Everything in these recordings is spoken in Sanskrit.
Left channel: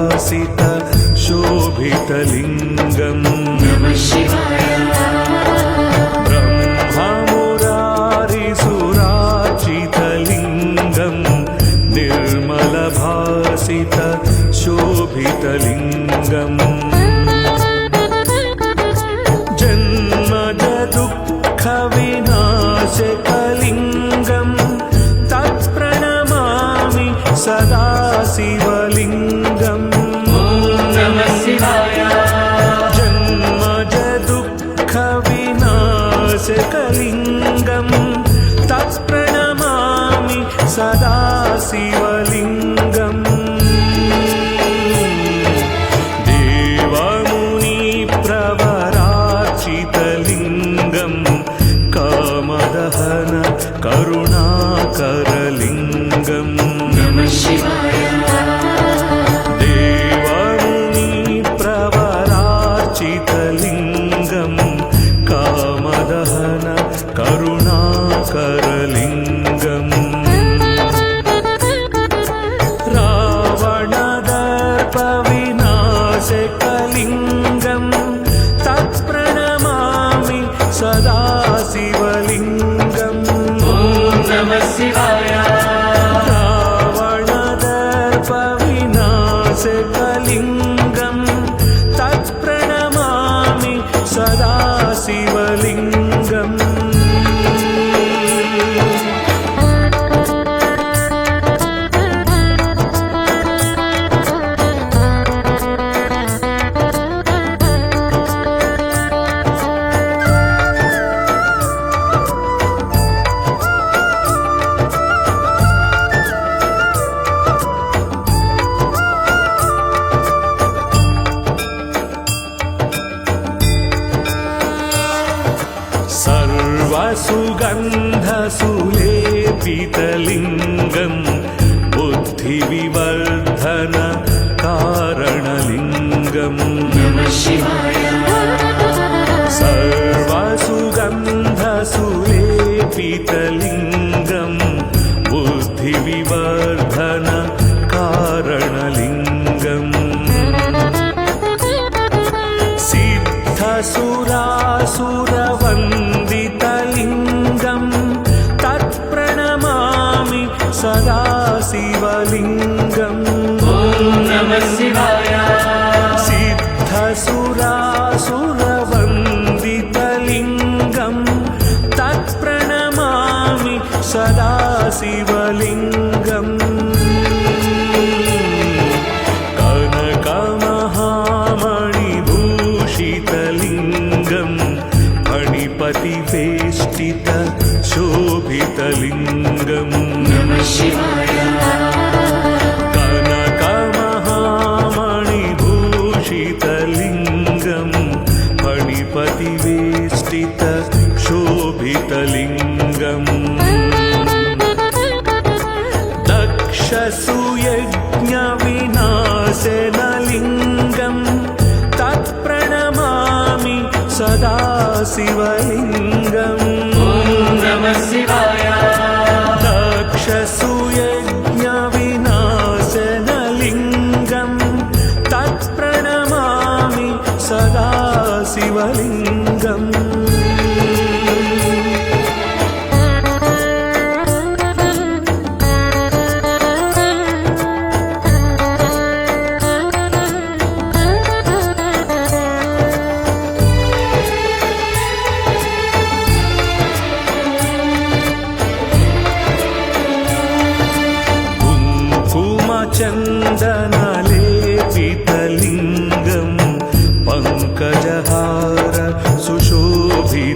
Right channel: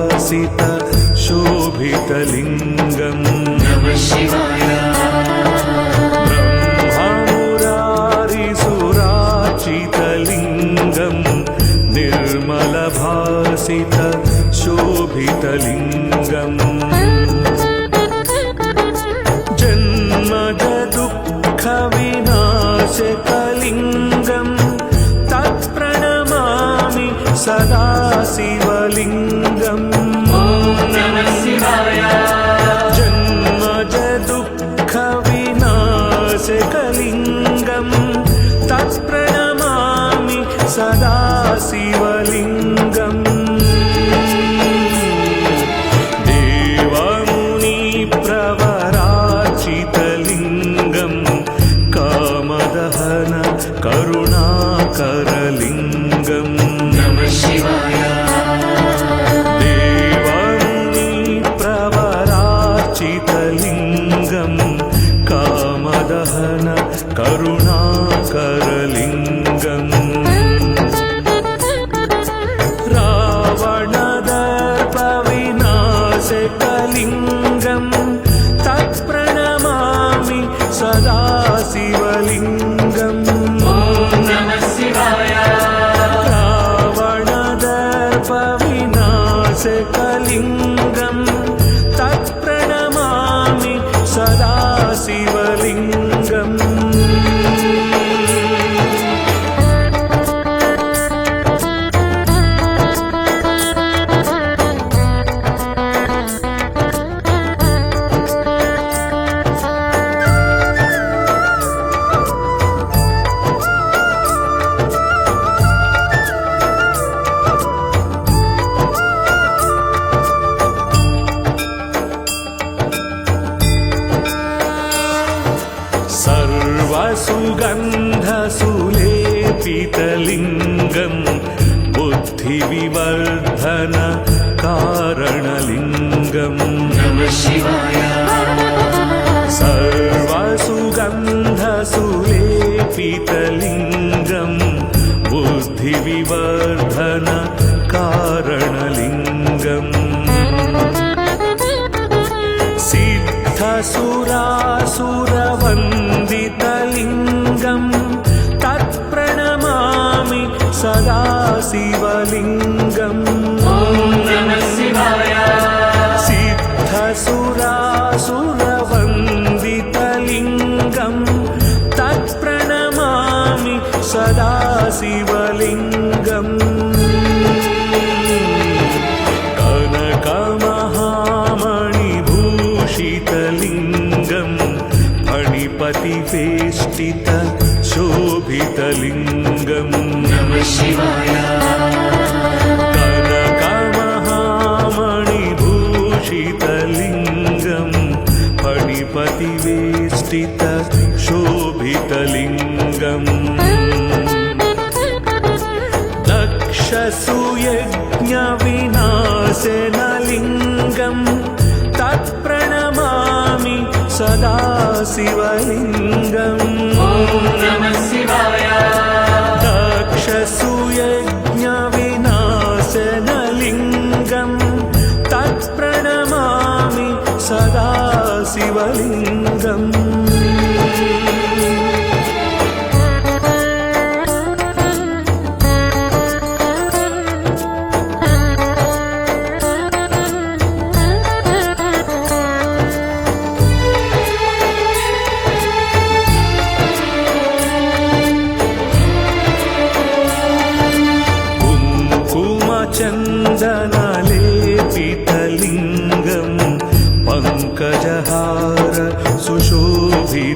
कमलभासित शोभितलिङ्गम् ब्रह्ममुरारिसुरार्चितलिङ्गम् निर्मलभासित शोभितलिङ्गम् जन्मज दुःखविनाशकलिङ्गम् तत्प्रणमामि सदा शिवलिङ्गम् जन्मज दुःखविनाशकलिङ्गम् तत्प्रणमामि सदा शिवलिङ्गम् देवमुनिप्रवरार्चितलिङ्गम् कामदहन करुणाकरलिङ्गम् देवमुनिप्रवरार्चितलिङ्गम् कामदहन करुणाकरलिङ्गम् रावणदर्पविनाशकलिङ्गम् तत्प्रणमामि सदा शिवलिङ्गम् रावणदर्पविनाशकलिङ्गम् तत्प्रणमामि सदा शिवलिङ्गम् सर्वसुगन्धसुलेपितलिङ्गम् बुद्धिविवर्धन कारणलिङ्गम् सर्वसुगन्धसुलेपितलिङ्गम् बुद्धिविवर्धन कारणलिङ्गम् सिद्धसुरासुरवन्दितलिङ्गम् तत्प्रणमामि सदा शिवलिङ्गम् सिद्धसुरासुरवन्दितलिङ्गम् तत्प्रणमामि सदा शिवलिङ्गम् कनकमहामणिभूषितलिङ्गम् फणिपतिवेष्टित शोभितलिङ्गम् कनकमहामणिभूषितलिङ्गम् फणिपतिवेष्टित शोभितलिङ्गम् दक्षसुयज्ञविनाशनलिङ्गम् तत्प्रणमामि सदा शिवलिङ्गम् दक्षसुयज्ञविनाशनलिङ्गम् तत्प्रणमामि सदा शिवलिङ्गम् चन्दनलेपितलिङ्गम् पङ्कजहार सुशोभितलिङ्गम्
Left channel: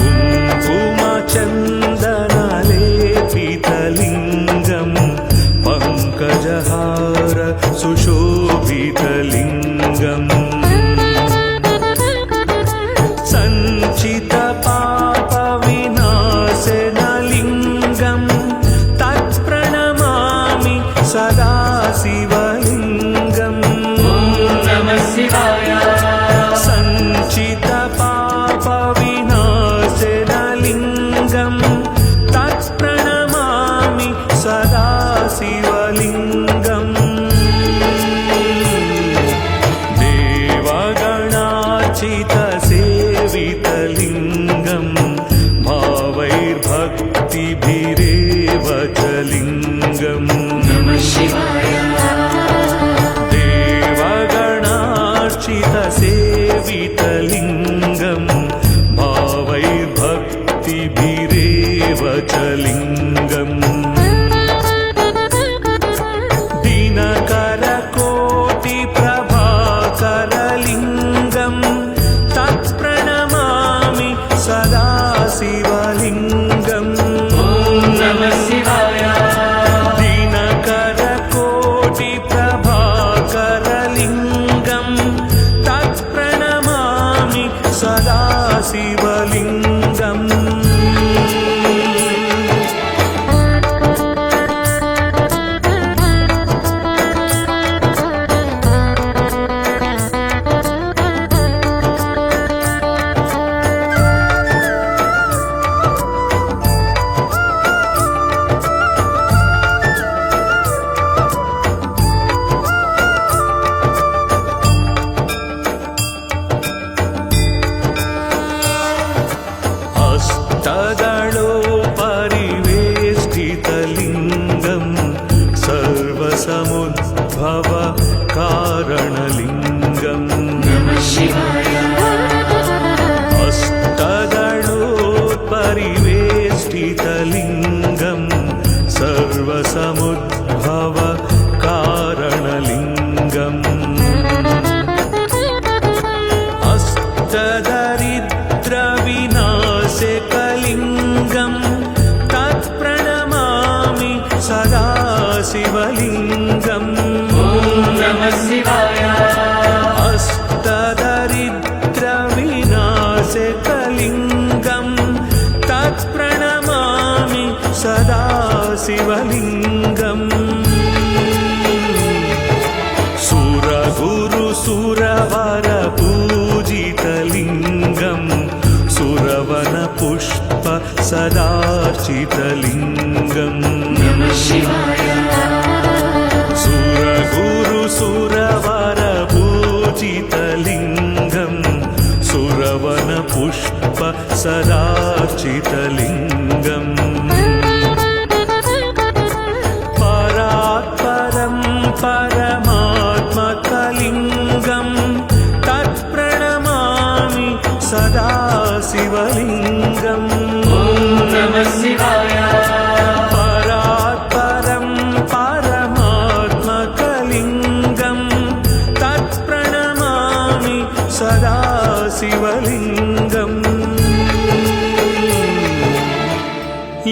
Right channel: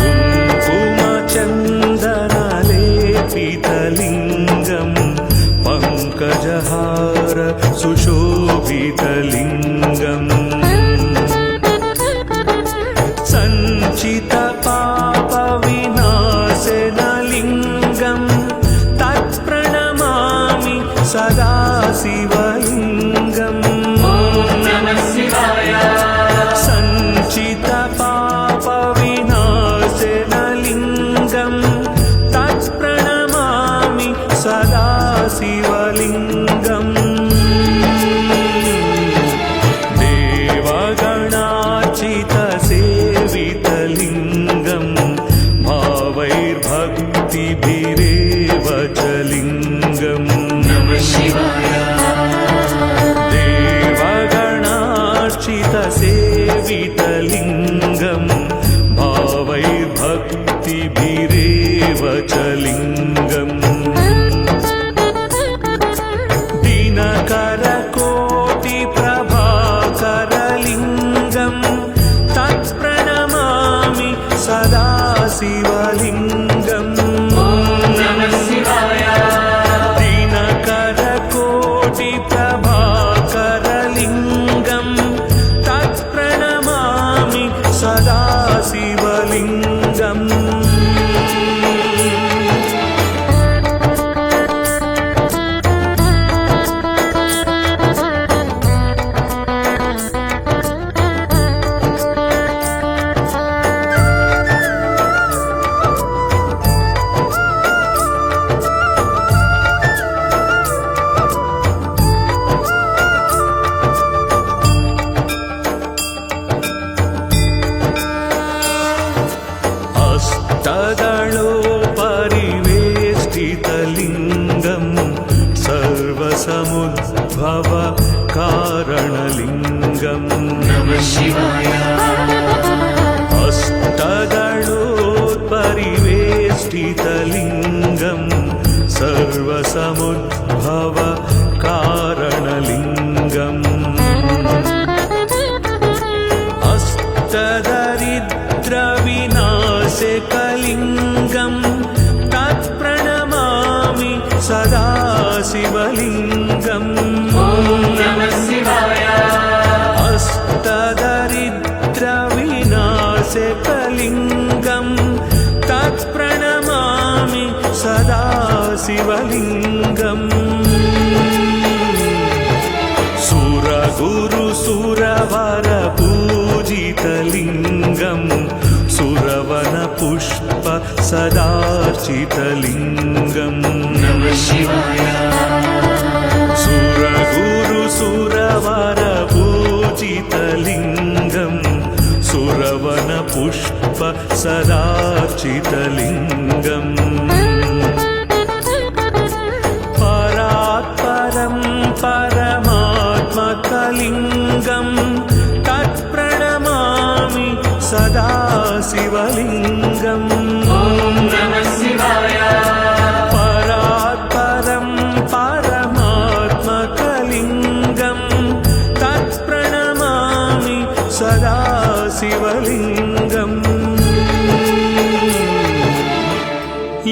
कुङ्कुमचन्दनलेपितलिङ्गम् पङ्कजहार सुशोभितलिङ्गम् सञ्चितपापविनाशनलिङ्गम् तत्प्रणमामि सदा शिवलिङ्गम् सञ्चितपापविनाशनलिङ्गम् तत्प्रणमामि सदाशिवलिङ्गम् देवगणार्चितसेवितलिङ्गम् भावैर्भक्तिभिरेव च लिङ्गम् देवगणार्चितसेवितलिङ्गम् भावैर्भक्तिभिरेव च लिङ्गम् दिनकरकोटिप्रभाकरलिङ्गम् तत्प्रणमामि सदा शिवलिङ्गम् दिनकरकोटिप्रभाकरलिङ्गम् तत्प्रणमामि सदा शिवलिङ्गम् अष्टदलोपरिवेष्टितलिङ्गम् सर्वसमुद्भव कारणलिङ्गम् अष्टदलोपरिवेष्टितलिङ्गम् सर्वसमुद्भव कारणलिङ्गम् अष्टदरिद्रविनाशकलिङ्गम् तत्प्रणमामि सदा शिवलिङ्गम् अष्टदरिद्रविनाशकलिङ्गम् तत्प्रणमामि सदा शिवलिङ्गम् सुरगुरुसुरवर पूजितलिङ्गम् सुरवनपुष्प सदार्चितलिङ्गम् सुरगुरुसुरवर पूजितलिङ्गम् सुरवनपुष्प सदार्चितलिङ्गम् परात्परं परमात्मकलिङ्गम् तत्प्रणमामि सदा शिवलिङ्गम् परात्परं परमात्मकलिङ्गम् तत्प्रणमामि सदा शिवलिङ्गम्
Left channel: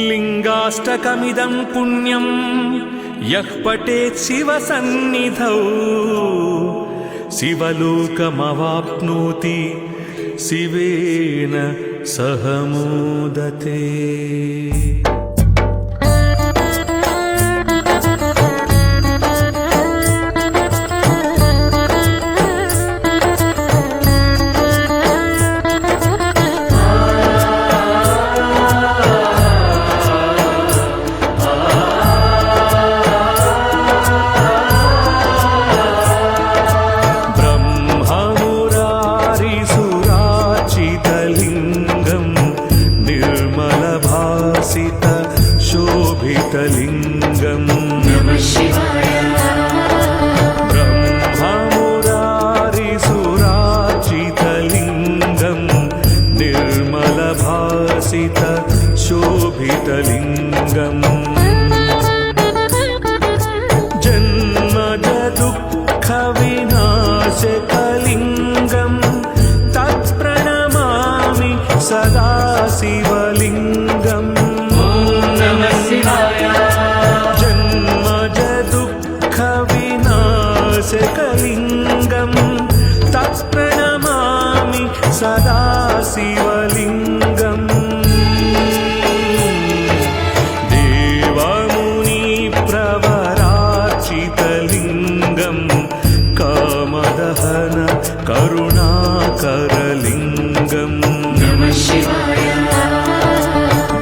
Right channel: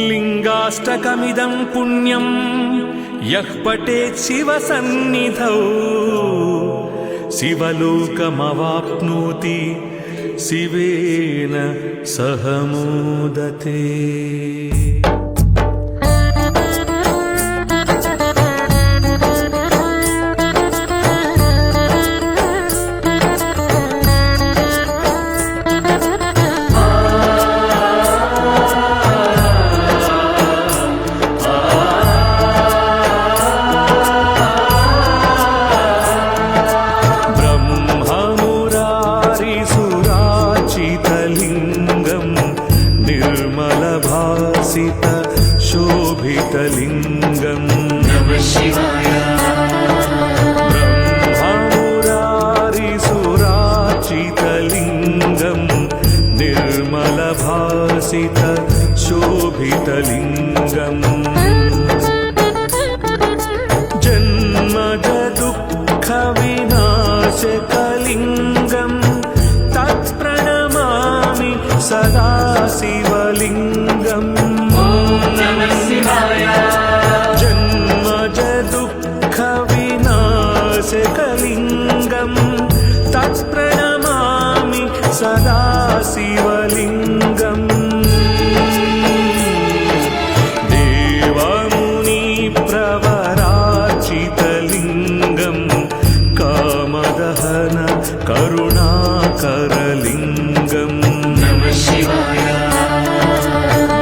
लिङ्गाष्टकमिदं पुण्यं यः पठेत् शिवसन्निधौ शिवलोकमवाप्नोति शिवेन सह मोदते। लिङ्गम् निर्मलभासित शोभितलिङ्गम् ब्रह्ममुरारिसुरार्चितलिङ्गम् निर्मलभासित शोभितलिङ्गम् जन्मज दुःखविनाशकलिङ्गम् तत्प्रणमामि सदा शिवलिङ्गम् जन्मज दुःखविनाशकलिङ्गम् तत्प्रणमामि सदा शिवलिङ्गम् देवमुनिप्रवरार्चितलिङ्गम् कामदहन करुणाकरलिङ्गम्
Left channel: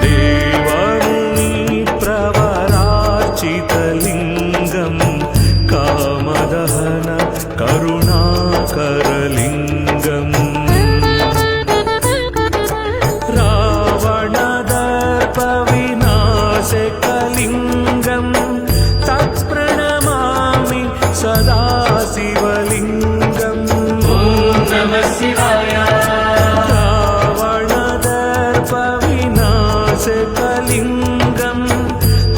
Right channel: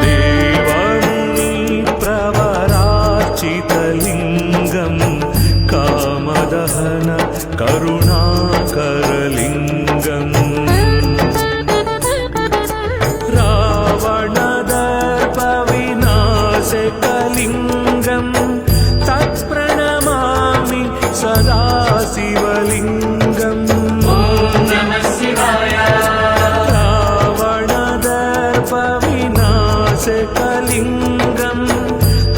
देवमुनिप्रवरार्चितलिङ्गम् कामार्चितलिङ्गं कामदहन करुणाकरलिङ्गम् रावणदर्पविनाशकलिङ्गं तत्प्रणमामि सदा शिवलिङ्गम् रावणदर्पविनाशकलिङ्गं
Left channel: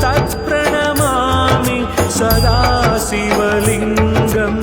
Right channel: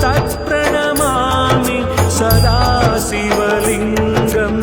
तत्प्रणमामि सदा शिवलिङ्गम्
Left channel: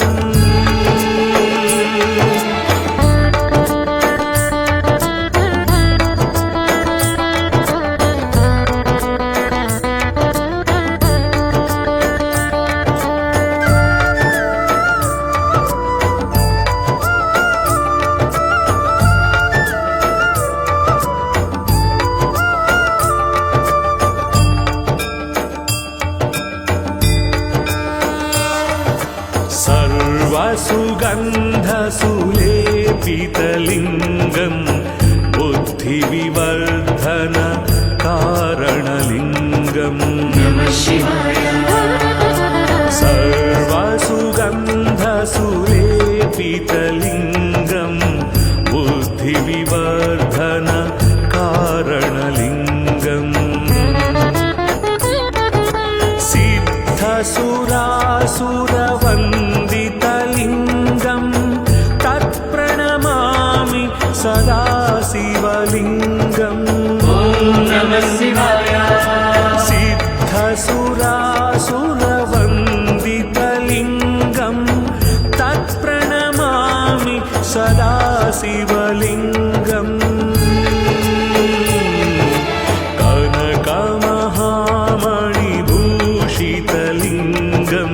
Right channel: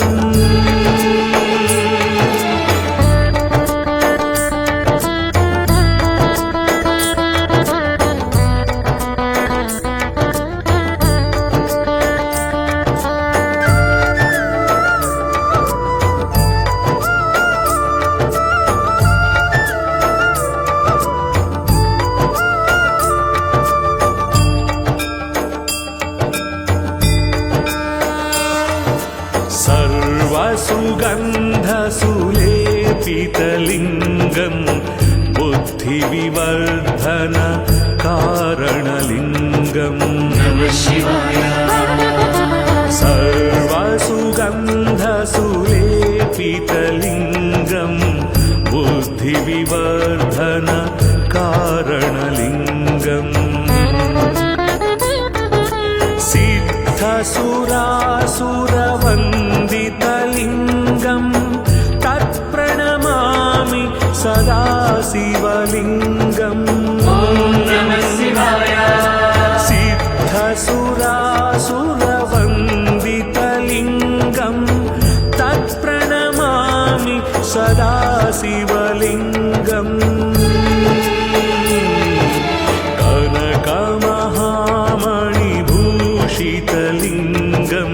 सर्वसुगन्धसुलेपितलिङ्गं बुद्धिविवर्धन कारणलिङ्गम् सर्वसुगन्धसुलेपितलिङ्गं बुद्धिविवर्धन कारणलिङ्गम् सिद्धसुरासुरवन्दितलिङ्गं तत्प्रणमामि सदा शिवलिङ्गम् सिद्धसुरासुरवन्दितलिङ्गं तत्प्रणमामि सदा शिवलिङ्गम् कनकमहामणिभूषितलिङ्गं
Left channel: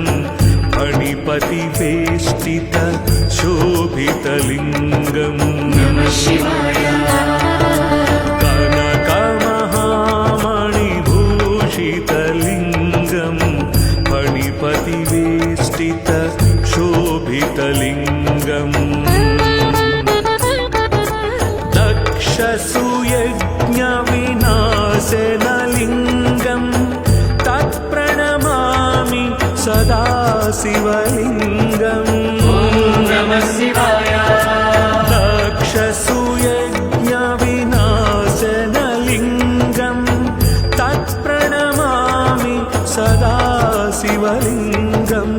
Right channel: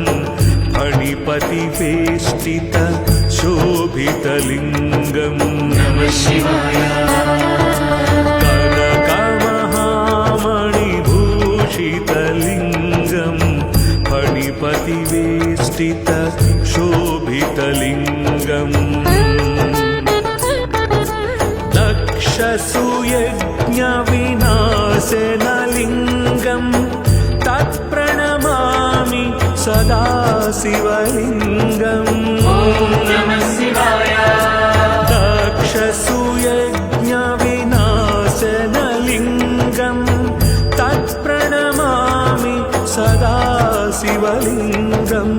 फणिपतिवेष्टित शोभितलिङ्गम् कनकमहामणिभूषितलिङ्गं फणिपतिवेष्टित शोभितलिङ्गम् दक्षसुयज्ञविनाशनलिङ्गं तत्प्रणमामि सदा शिवलिङ्गम् दक्षसुयज्ञविनाशनलिङ्गं तत्प्रणमामि सदा शिवलिङ्गम्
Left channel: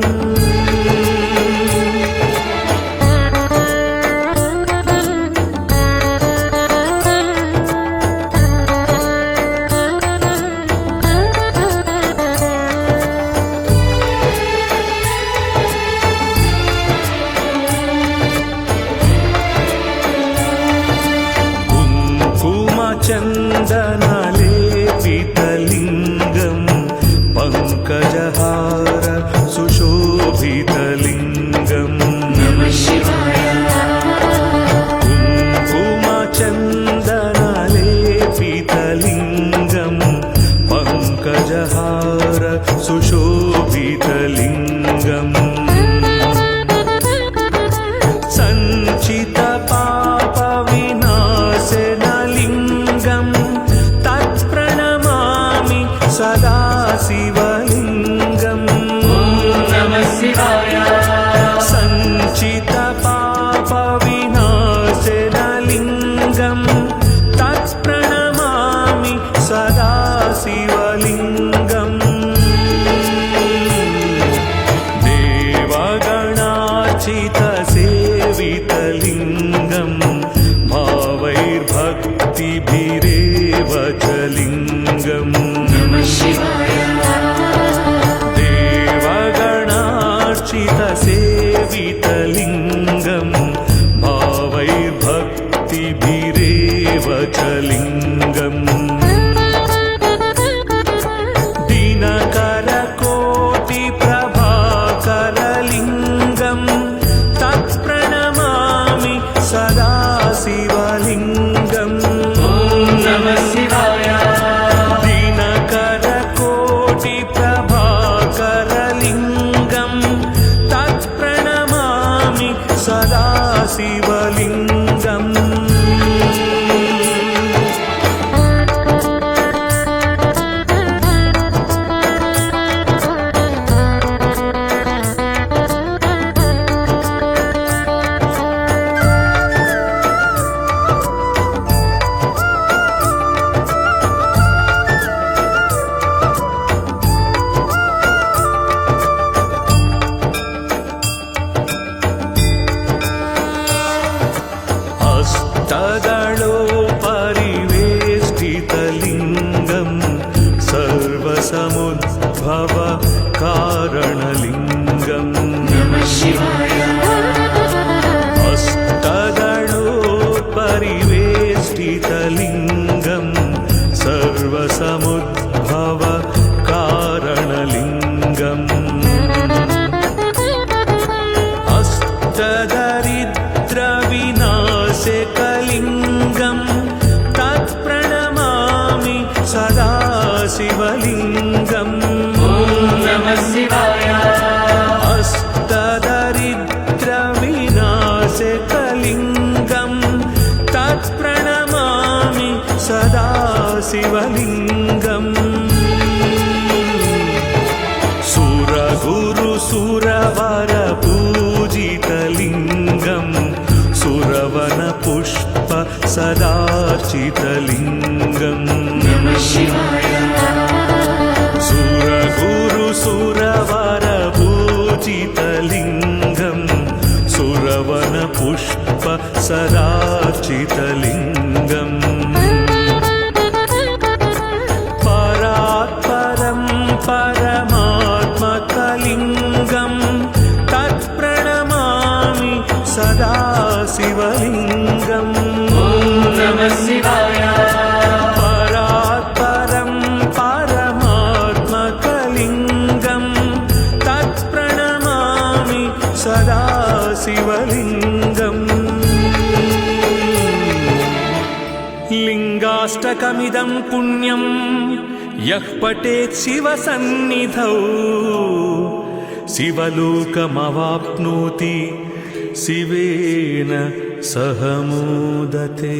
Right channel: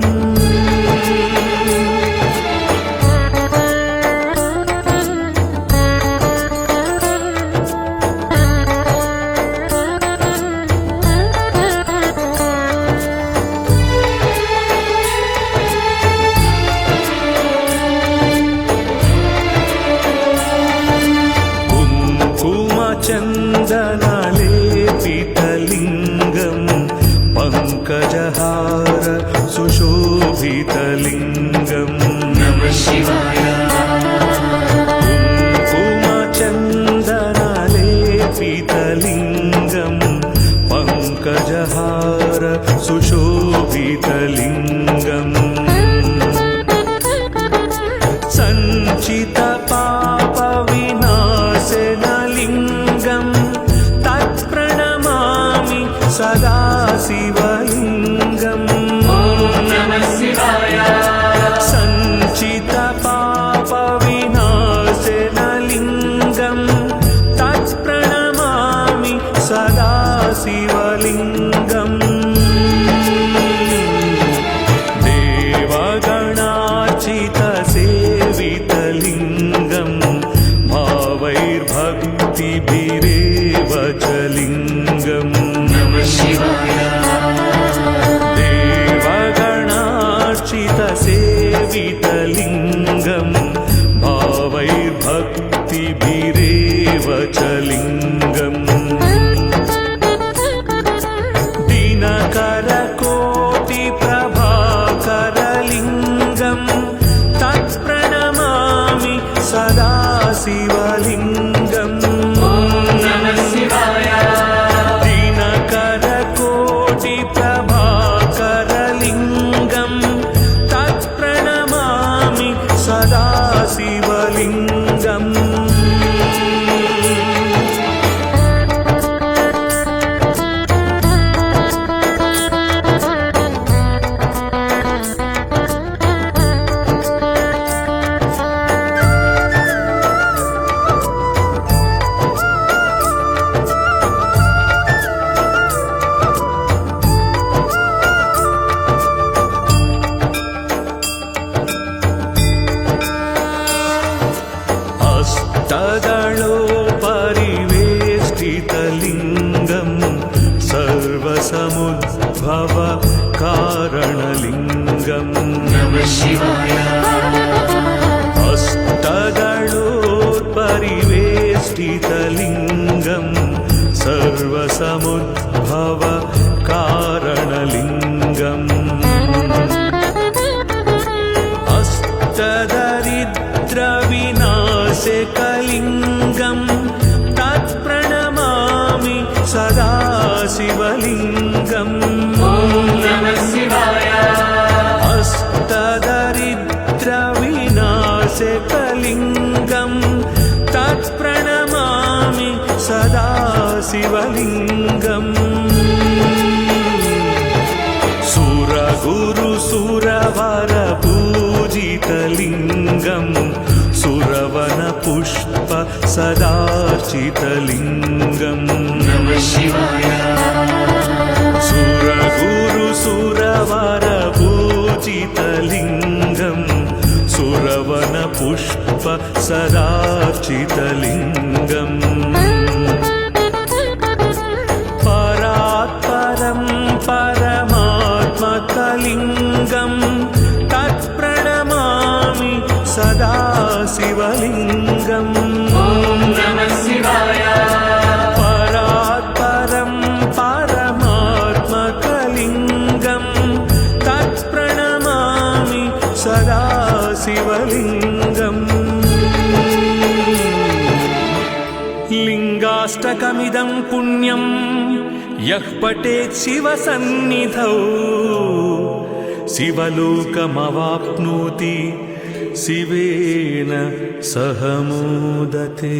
कुङ्कुमचन्दनलेपितलिङ्गं पङ्कजहार सुशोभितलिङ्गम् कुङ्कुमचन्दनलेपितलिङ्गं पङ्कजहार सुशोभितलिङ्गम् सञ्चितपापविनाशनलिङ्गं तत्प्रणमामि सदा शिवलिङ्गम् सञ्चितपापविनाशनलिङ्गं तत्प्रणमामि सदा शिवलिङ्गम् देवगणार्चितसेवितलिङ्गं भावैर्भक्तिभिरेव च लिङ्गम् देवगणार्चितसेवितलिङ्गं भावैर्भक्तिभिरेव च लिङ्गम् दिनकरकोटिप्रभाकरलिङ्गं तत्प्रणमामि सदा शिवलिङ्गम् दिनकरकोटिप्रभाकरलिङ्गं तत्प्रणमामि सदा शिवलिङ्गम् वेष्टितलिङ्गं सर्वसमुद्भव कारणलिङ्गम् अष्टदलोत्परिवेष्टितलिङ्गं सर्वसमुद्भव कारणलिङ्गम् अष्टदरिद्रविनाशकलिङ्गं तत्प्रणमामि सदा शिवलिङ्गम् अष्टदरिद्रविनाशकलिङ्गं तत्प्रणमामि सदा शिवलिङ्गम् सुरगुरुसुरवरपूजितलिङ्गं सुरवनपुष्प सदार्चितलिङ्गम् सुरगुरुसुरवरपूजितलिङ्गं सुरवनपुष्प सदार्चितलिङ्गम् परात्परं परमात्मकलिङ्गं तत्प्रणमामि सदा शिवलिङ्गम् परात्परं परमात्मकलिङ्गं तत्प्रणमामि सदा शिवलिङ्गम् लिङ्गाष्टकमिदं पुण्यं यः पठेत् शिवसन्निधौ शिवलोकमवाप्नोति शिवेन सह मोदते।